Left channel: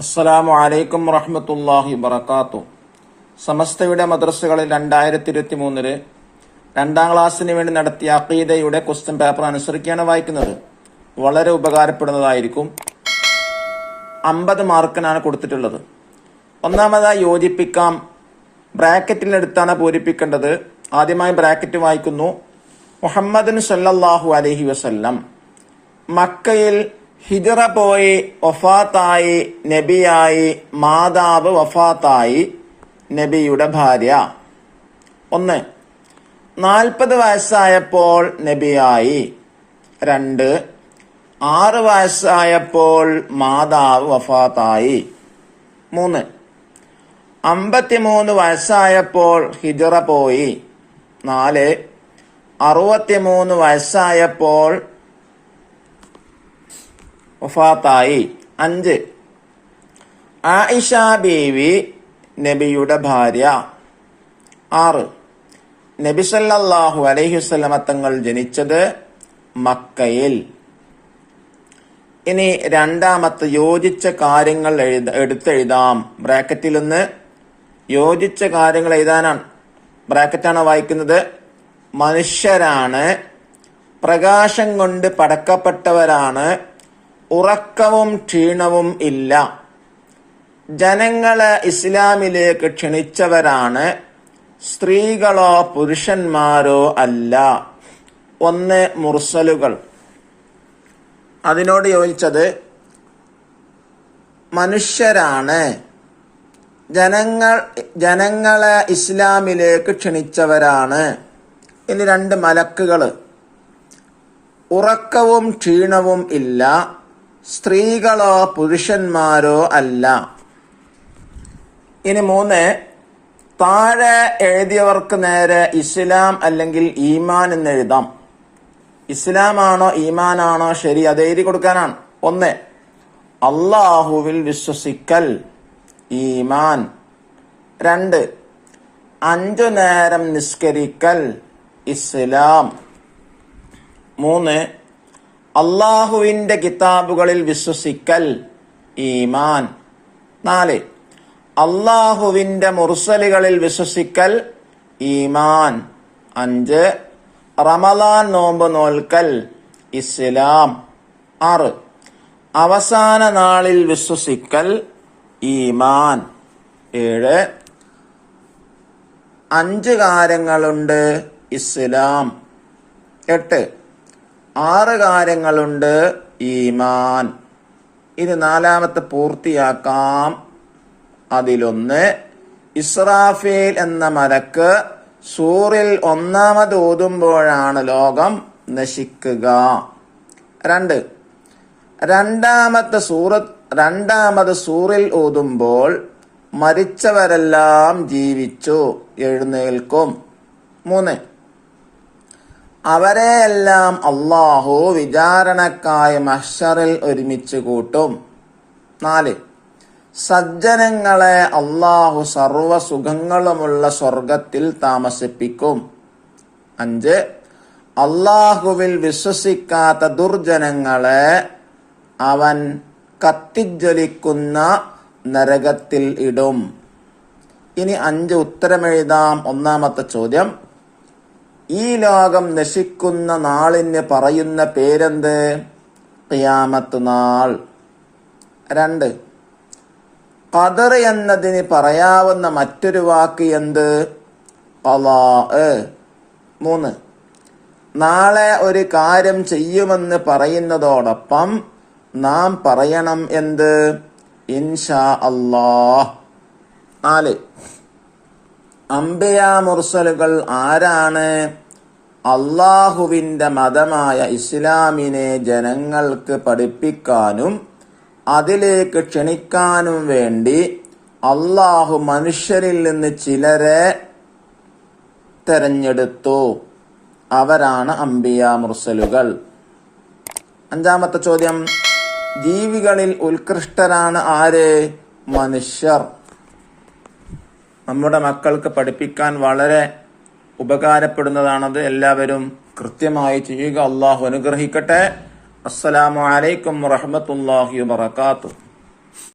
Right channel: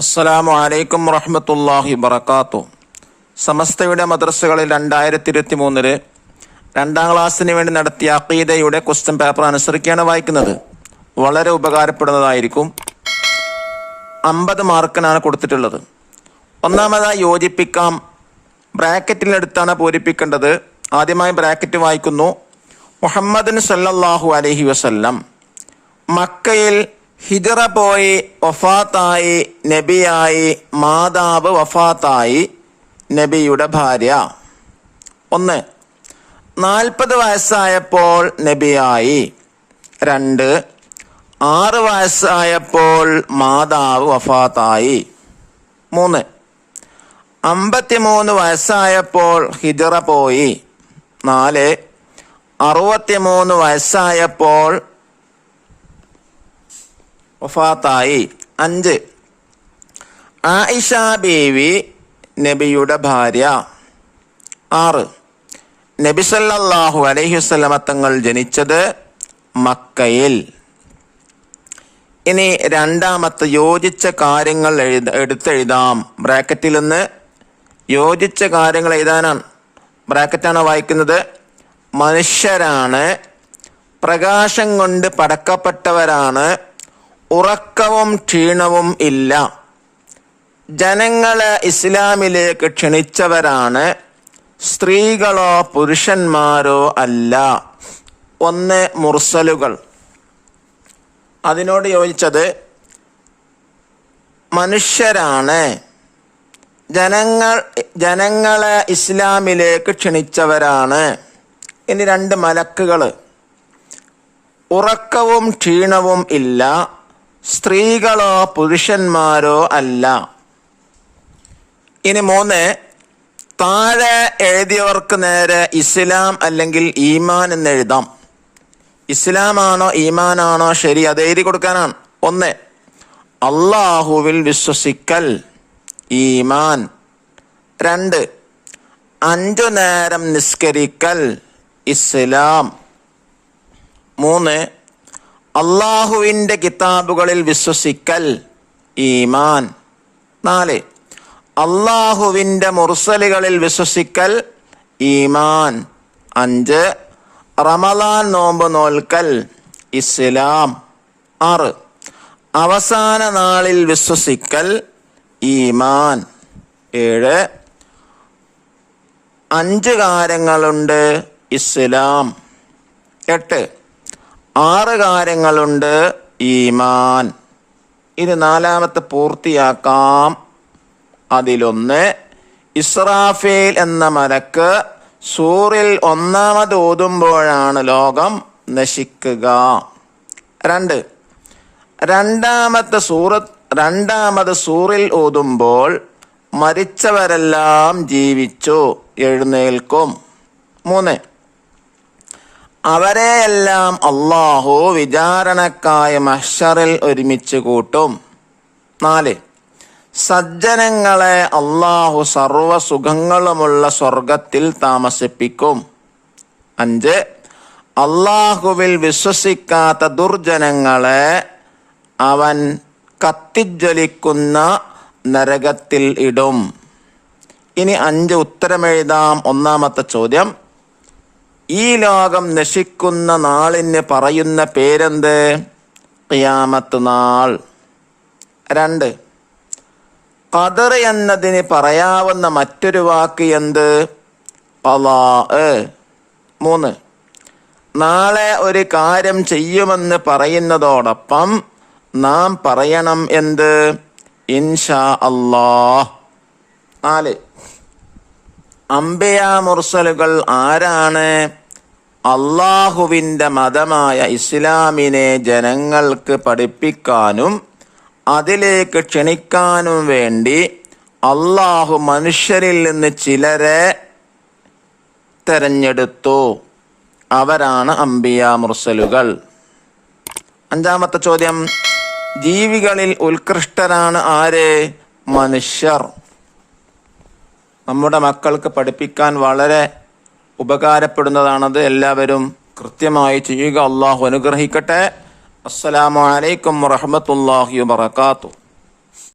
അസ്സലാമു അലൈക്കും വറഹ്മത്തുള്ളാഹി വബറകാതുഹു. സമസ്തയുടെ മദ്രസകളിൽ 2023 രണ്ടാം ക്ലാസ്സിന് വേണ്ടി നടത്തിയ അഖീദയുടെ ക്വസ്റ്റ്യൻ പേപ്പർ അനുസരിക്കുകയാണ് വായിക്കുന്നത്. വളരെ ഉപകാരപ്പെടുന്നതായിരിക്കും. 50 മാർക്കിനാണ് കൊടുത്തിട്ടുള്ളത്. ഒന്നാമതായി യോജിപ്പിക്കാം. ബ്രാക്കറ്റിലെടുത്താണ് പൂരിപ്പിക്കേണ്ടത്. ആദ്യമായി ബ്രാക്കറ്റ് വായിക്കുന്നു. മുഹമ്മദ് സല്ലല്ലാഹു അലൈഹി വസല്ലം മക്കയിൽ ഹിജറ പോയി വഫാത്തായി, നബിയായി, മാതാവ് വഫാത്തായി, നബിയുടെ ഭാര്യ. 1. 40 വയസ്സായപ്പോൾ നബിയായി. 2. 6 വയസ്സായപ്പോൾ മാതാവ് വഫാത്തായി. 3. 53 വയസ്സായപ്പോൾ ഹിജറ പോയി. 4. 63 വയസ്സായപ്പോൾ വഫാത്തായി. 5. ആയിഷ ബീവി നബിയുടെ ഭാര്യ. 6. നബി സല്ലല്ലാഹു അലൈഹി വസല്ലമ തങ്ങൾ ജനിച്ചത് മക്കയിൽ. ഇനി രണ്ടാമത്തെ യോജിച്ച കാര്യങ്ങൾ എടുത്തെഴുതാം. ബ്രാക്കറ്റിൽ നിന്ന് യോജിച്ച കാര്യങ്ങൾ എഴുതാനാണ്. ബ്രാക്കറ്റാണ് വായിക്കുന്നത്. മനുഷ്യരാണ്, പ്രകാശം കൊണ്ട് പടക്കപ്പെട്ടവരാണ്, ഉറക്കവും ക്ഷീണവും ഇല്ല, ജനങ്ങളെ ഇസ്ലാമിലേക്ക് ക്ഷണിച്ചവരാണ്, സ്ത്രീകളോ പുരുഷന്മാരോ അല്ല. 1 മുർസലുകൾ. അതിനോട് യോജിച്ചത് മനുഷ്യരാണ്, ജനങ്ങളെ ഇസ്ലാമിലേക്ക് ക്ഷണിച്ചവരാണ്. ഇനി 2 മലക്കുകൾ. ഉറക്കവും ക്ഷീണവും ഇല്ല, സ്ത്രീകളോ പുരുഷന്മാരോ അല്ല. ഇനി 3 താഴെ എഴുതിയവർക്ക് നേരെ ഇസ്ലാം അല്ലെങ്കിൽ ഈമാൻ എന്ന് എഴുതാം. ഇസ്ലാമാണോ ഈമാനാണോ ശരി, അത് എഴുതി കൊടുക്കാനാണ്. 1 അല്ലാഹുവിൽ വിശ്വസിക്കൽ, ഈമാൻ. 2 5 നേരം നിസ്കരിക്കൽ, ഇസ്ലാം. 3 അള്ളാഹുവിൻ്റെ കിതാബുകളിൽ വിശ്വസിക്കൽ, ഈമാൻ. 4 അള്ളാഹുവിൻ്റെ മുർസലുകളിൽ വിശ്വസിക്കൽ, ഈമാൻ. 5 റമളാൻ നോമ്പ് നോൽക്കൽ, ഇസ്ലാം. 6 അവസാന നാളിൽ വിശ്വസിക്കൽ, ഈമാൻ. 7 5 കാര്യങ്ങളുണ്ട്, ഇസ്ലാം. 8 6 കാര്യങ്ങളുണ്ട്, ഈമാൻ. ഇത് 4ാമത്തെ പൂർത്തിയാക്കാം. അതിലൊന്ന് ഇസ്രാഫീൽ എന്ന മലക്ക് സൂറിൽ 1ാമത് ഓതുമ്പോഴാണ് ലോകം നശിക്കുക. 2 രണ്ടാമത് സൂറിൽ ഓതുമ്പോൾ മരിച്ചവരെല്ലാം ജീവിച്ചു എഴുന്നേൽക്കും. 3 അവരെയെല്ലാം അള്ളാഹു വിചാരണക്കായ മഹ്ശറിൽ ഒരുമിച്ച് കൂട്ടും. 4 സജ്ജനങ്ങളെ അള്ളാഹു സർവ സുഖങ്ങളുമുള്ള സ്വർഗത്തിൽ താമസിപ്പിക്കും. 5 അള്ളാഹുവിൽ വിശ്വസിക്കാത്ത ദുർജനങ്ങളെ അവൻ കത്തിജ്വലിക്കുന്ന നരകത്തിൽ ഇടും. ഇനി 5 ഉത്തരമെഴുതാം. 1ാമത്തെ ചോദ്യം, ഈ ലോകം നശിക്കുന്ന നാളിന് പറയുന്ന പേരെന്ത്? ഖിയാമത്ത് നാൾ. 2 ഖദർ എന്നതിന് പറയാവുന്ന മറ്റൊരു വാക്ക് എന്ത്? ഖളാ. 3 നാളെ ഒരു കാര്യം ചെയ്യുമെന്ന് പറയുന്നതോടൊപ്പം നാം പറയണം എന്ത്? ഇൻഷാ അല്ലാഹ്. 4 അംബിയാ മുർസലുകൾ ആരാണ്? അള്ളാഹുവിൻ്റെ മതമായ ഇസ്ലാമിനെ ജനങ്ങൾക്ക് പഠിപ്പിക്കാനും അതിലേക്ക് ക്ഷണിക്കാനും വേണ്ടി അള്ളാഹു മനുഷ്യരിൽ നിന്ന് ചിലരെ തെരഞ്ഞെടുത്തു. അവരാണ് അംബിയാ മുർസലുകൾ. 5ാമത്തെ ചോദ്യം, ജീവികളിൽ ഉത്കൃഷ്ടരാണ് ആര്? മനുഷ്യർ. നമ്മുടെ മക്കൾക്ക് പഠിപ്പിക്കാൻ വളരെ ഉപകാരപ്പെടുന്നതാണത്. എല്ലാവരും കൃത്യമായി ചെയ്യുക. അള്ളാഹു അനുഗ്രഹിക്കട്ടെ. അസ്സലാമു അലൈക്കും വറഹ്മത്തുള്ളാഹി വബറകാതുഹു.